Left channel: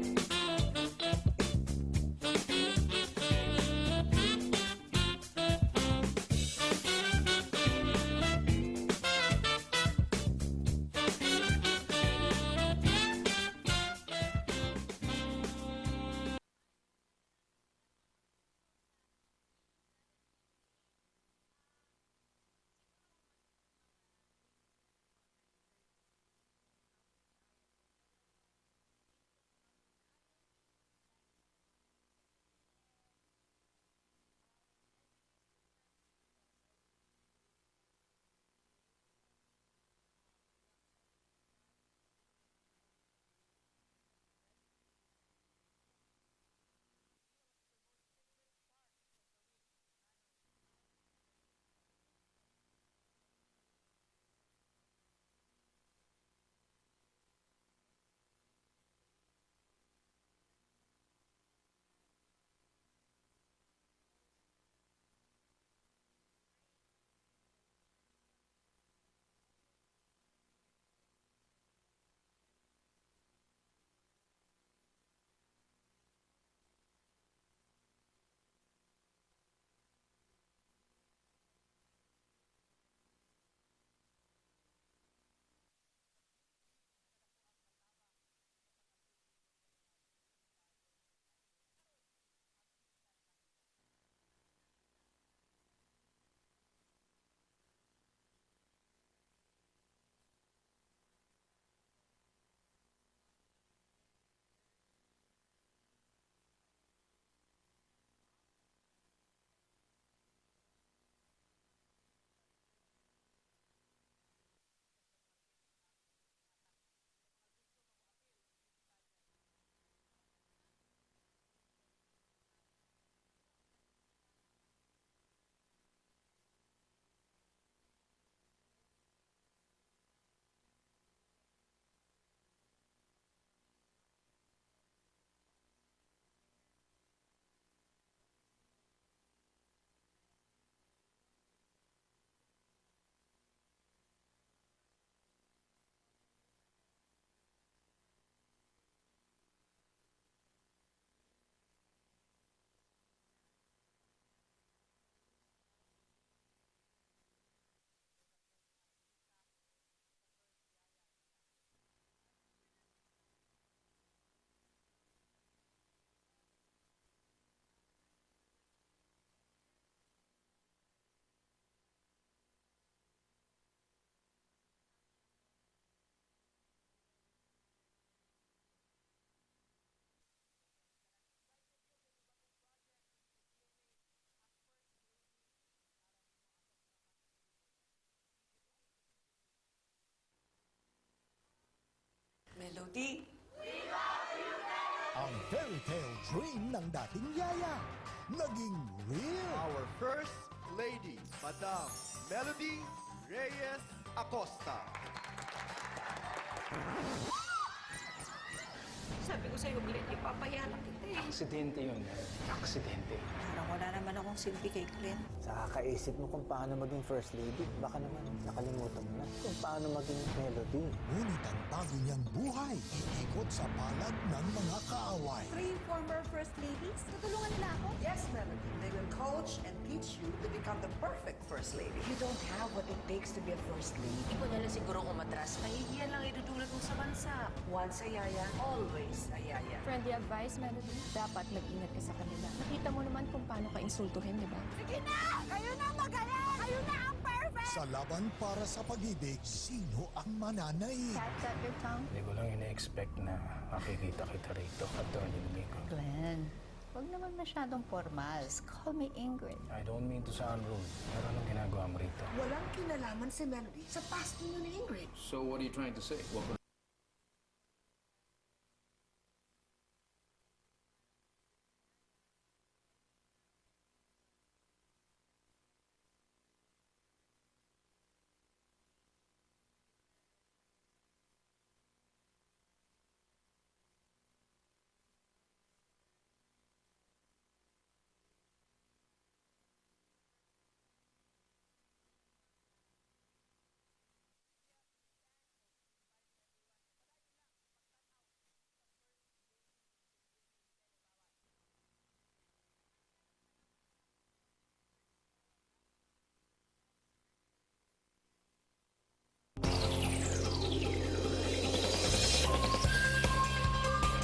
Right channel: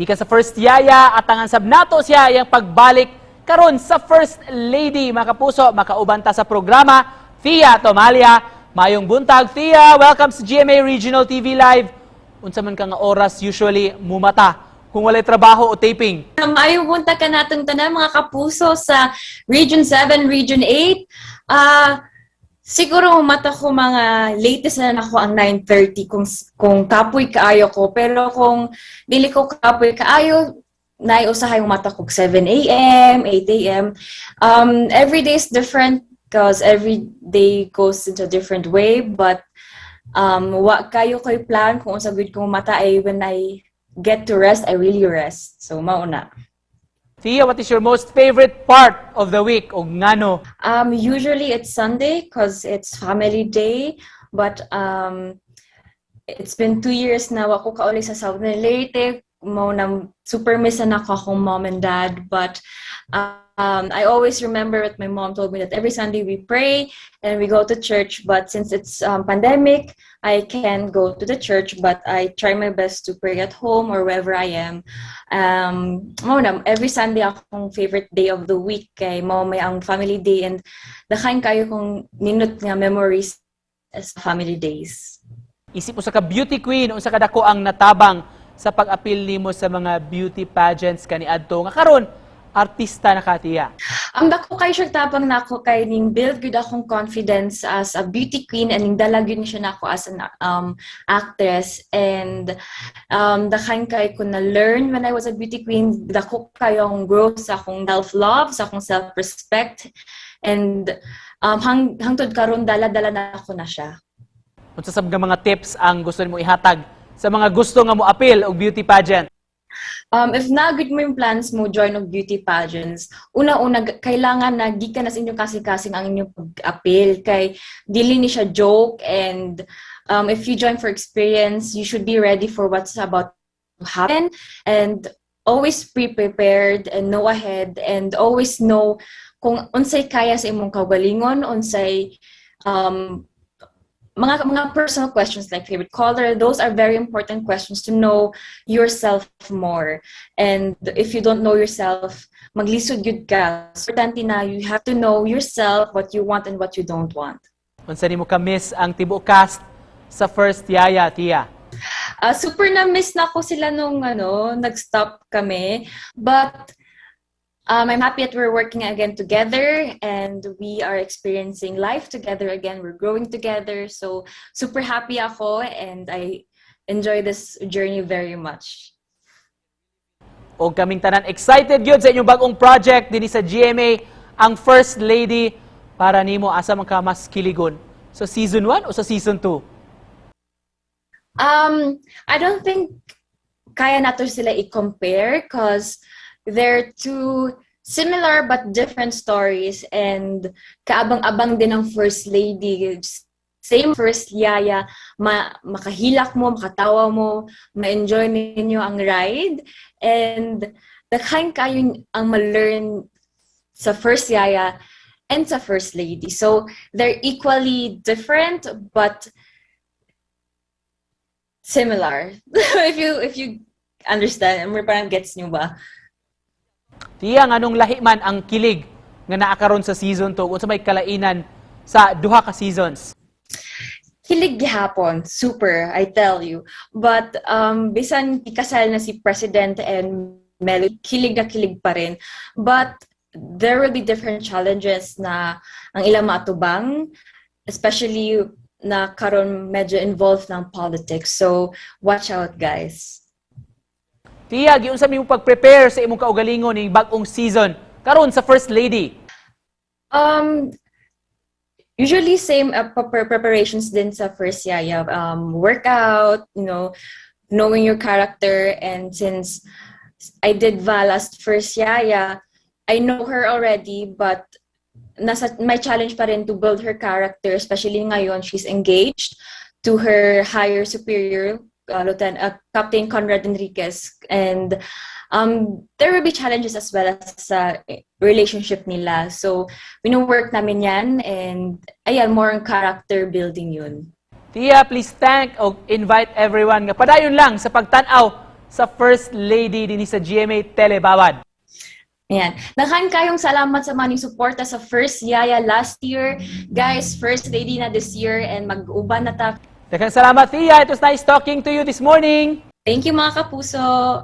Ika sa first yaya at ang ansab nato siya yung pagbalik karon sa first lady. Mga kapuso, makaubanta sa programa Thia Thomalla. Mayong buntag, Thia. Welcome sa GMA Regional TV Live. Unsa man ka nga oras usually mumata kung walay trabaho o taping? Mayong buntag ka natong tanan mga kapuso sa Region 7, Region 8. Siguro mata ko mga latest na ako ang 9:30 kung kapoy kaayo ko. Pero kung dili ko kapoy kaayo, naiusahay yung mata ko 7 a.m., 8 a.m. Every day is different because every day goes into a different way. But wa kayo ko'y plan kung unsa gud kong mata ay when I get to rest, I really rest. So mauna. Thia, what is your most favorite part of the week o ngano? Usually it's Sunday because it's family day, but it's been 2 years na ako kauli sa Southern Leyte. Super miss na ako akong mom and dad, but I always remember what my mom told me that every Sunday we pray and we go to church, but since it's pandemic, I can't go to the church, but I try my best to pray at home or wherever I am. Every Sunday akong favorite day of the week kay mo may ang family day and dakain kayo kong ninot nga memories as family days. Isip mo sa ka beauty queen o sa kadako ang natabang sa pag-apil nimo sa mga beauty pageants kaniadto nga karon artista na ka, Thia? Ang dako kay siya tapang nako kay ning build good akong confidence as a beauty queen and ning dalag yun siya nako as an actress and dakain kay ko na learn when I was a beauty queen, dako kayong growth sa akong self-love, sa akong self-respect and hangtod karon dala-dala na ako na siya. Unsa sab nga mga tips ang gusto nimo ihatag sa mga gusto nga mo appeal og beauty pageant? If na-good mo yung plans mo, join og beauty pageants, una-una, kailangan na gikan na sa inyong kasing-kasing ang inyong pag-appeal. Kay dili ni siya joke and if you join for experience, you should be ready for what's about to happen and always pre-prepared and know ahead and always know kung unsay kaya sa imong kaugalingon, unsay mga personal questions like favorite color, those are very important questions to know yourself more. And if you don't know yourself, maglisod gyud ka. Importante na you have to know yourself, what you want and what you don't want. Unsa nimo ka miss ang tibuok cast sa first yaya, Thia? Super na miss na ko sila nung nag-stop kami. But I'm happy that we're working again together and we are experiencing life together again. We're growing together. So super happy ako and I enjoy this journey very much. O kaming tanan excited gyud sa inyong bagong project dinhi sa GMA, ang First Lady. Para nimo asa man ka mas kiligon? So season 1 o sa season 2? I don't think kaya nato sila i-compare because they're two similar but different stories and kaabang-abang din ang First Lady. Same First Yaya, makahilak mo, makatawa mo, ma-enjoy ninyo ang ride and daghan kayo ang ma-learn sa First Yaya and sa First Lady. So they're equally different but similar. if you understand, parang gets nyo ba? Thia, anong lahi man ang kilig nga naakaron sa season 2 unsa may kalainan sa duha ka seasons? Kilig gihapon, super, I tell you. But bisan ikasal na si President and Melo, kilig na kilig pa rin. But there will be different challenges na ang ilang matubang, especially na karon medyo involved ng politics. So watch out, guys. Thia, giunsa mo pag-prepare sa imong kaugalingon ning bag-ong season karon sa First Lady? Usually same preparations din sa First Yaya. Workout, knowing your character, and since I did Vala's First Yaya, I know her already, but my challenge pa rin to build her character, especially ngayon she's engaged to her higher superior, Captain Conrad Enriquez, and there will be challenges as well as sa relationship nila. So wino-work namin yan and ayan, more on character building yun. Thia, please thank o invite everyone nga padayon lang sa pagtan-aw sa First Lady din sa GMA Telebawad. Ayan. Daghan kayong salamat sa maning suporta sa first yaya last year. Guys, first lady na this year and mag-uban na ta. Daghang salamat, Thia. It was nice talking to you this morning. Thank you mga kapuso.